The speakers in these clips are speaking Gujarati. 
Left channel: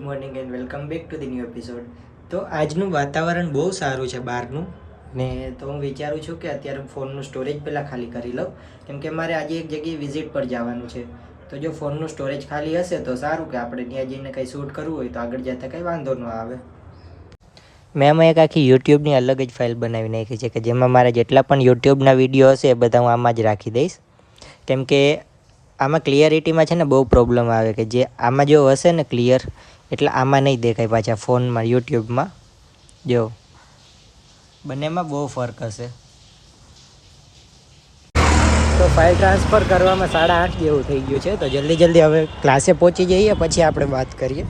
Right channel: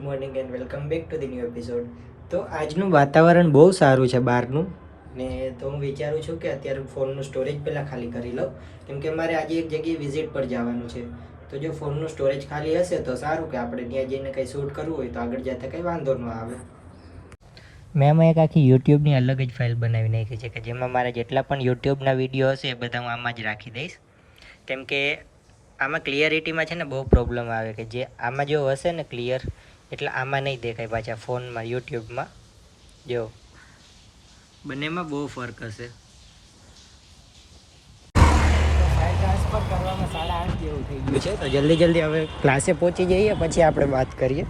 Good morning and welcome back to the new episode. તો આજનું વાતાવરણ બહુ સારું છે બહારનું, ને તો હું વિચારું છું કે અત્યારે ફોનનું સ્ટોરેજ પહેલાં ખાલી કરી લઉં, કેમ કે મારે આજે એક જગ્યાએ વિઝિટ પર જવાનું છે. તો જો ફોનનું સ્ટોરેજ ખાલી હશે તો સારું, કે આપણે ત્યાં જઈને કંઈ શૂટ કરવું હોય તો આગળ જતાં કંઈ વાંધો ન આવે. મેં આમાં એક આખી યુટ્યુબની અલગ જ ફાઇલ બનાવી નાખી છે, કે જેમાં મારે જેટલા પણ યુટ્યુબના વિડીયો હશે એ બધા હું આમાં જ રાખી દઈશ. કેમ કે આમાં ક્લિયરિટીમાં છે ને બહુ પ્રોબ્લેમ આવે, કે જે આમાં જો હશે ને ક્લિયર, એટલે આમાં નહીં દેખાય પાછા ફોનમાં, યુટ્યુબમાં. જો બંનેમાં બહુ ફરક હશે. તો ફાઇલ ટ્રાન્સફર કરવામાં 8:30 જેવું થઈ ગયું છે, તો જલ્દી હવે ક્લાસે પહોંચી જઈએ, પછી આપણે વાત કરીએ.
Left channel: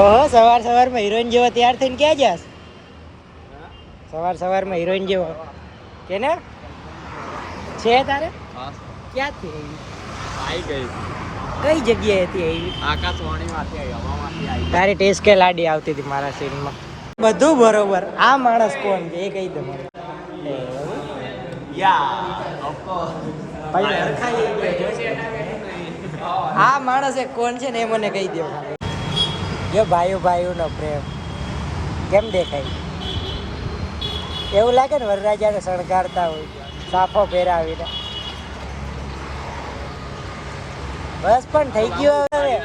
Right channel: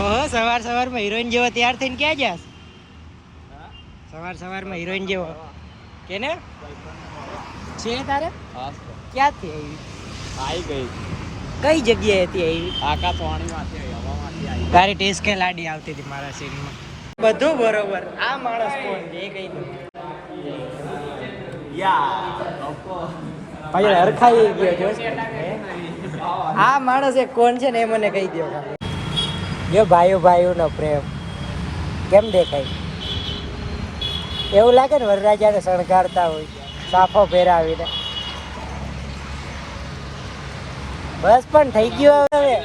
ઓહો, સવારમાં હિરોઈન જેવો તૈયાર થઈને ક્યાં જાસ? સવારમાં હિરોઈન જેવો કે ને છે તારે? ક્યાંથી આવી ગઈ? કઈ જગ્યાએ હતી આવી? આકાશવાણીમાંથી આવી, હવામાંથી આવી. તારી ટેસ્ટ કે લાડી આવતી હતી મારા સીનમાં. બધું બરોબર. આ માણસ કોણ છે એ કહી દો. હરખાઈ ગયો છે. આ માણસ એ કોણ છે ને એ મને કહી દો ખાલી. જો ભાઈઓનો પ્રેમ કેમ દેખાય? એવું લાગે ને વરરાજાને શણગારતા હોય સાફો ફેરાવીને. બસ પણ થઈ ગયું હવે.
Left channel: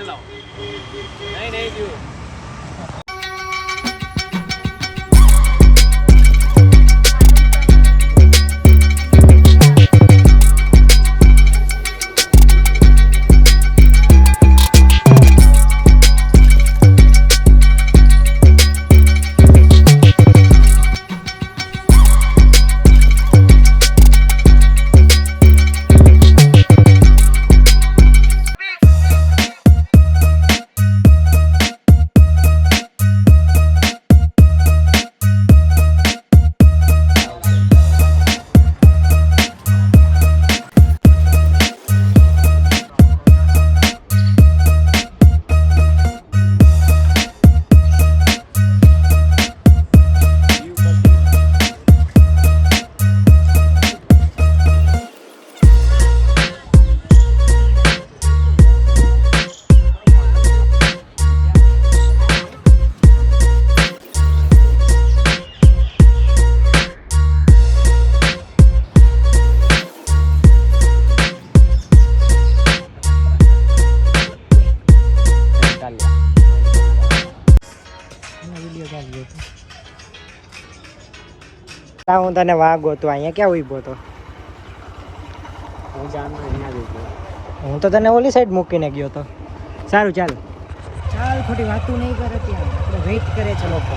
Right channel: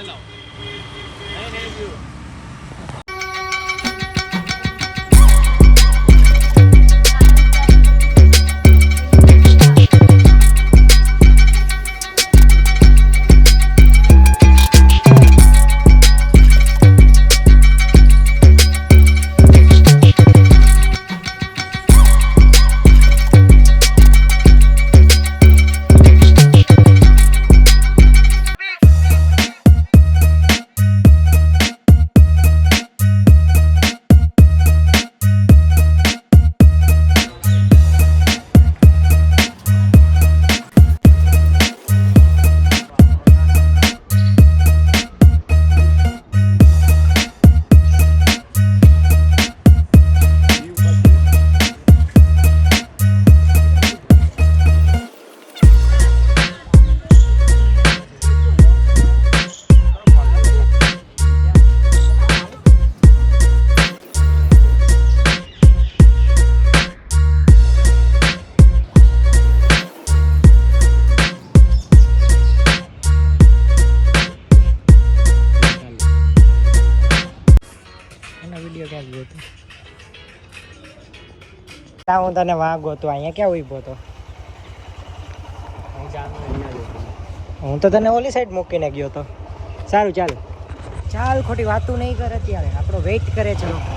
હું તને વાગો તો અહીંયા ક્યાં ઉભો હતો? હું તો તને ઓલી સાઈડ મૂકીને ગયો હતો. સારું ચાલ ખોટી વાતું નહીં કરે, ત્યાં આપણે વેઇટ કરે છે લોકો.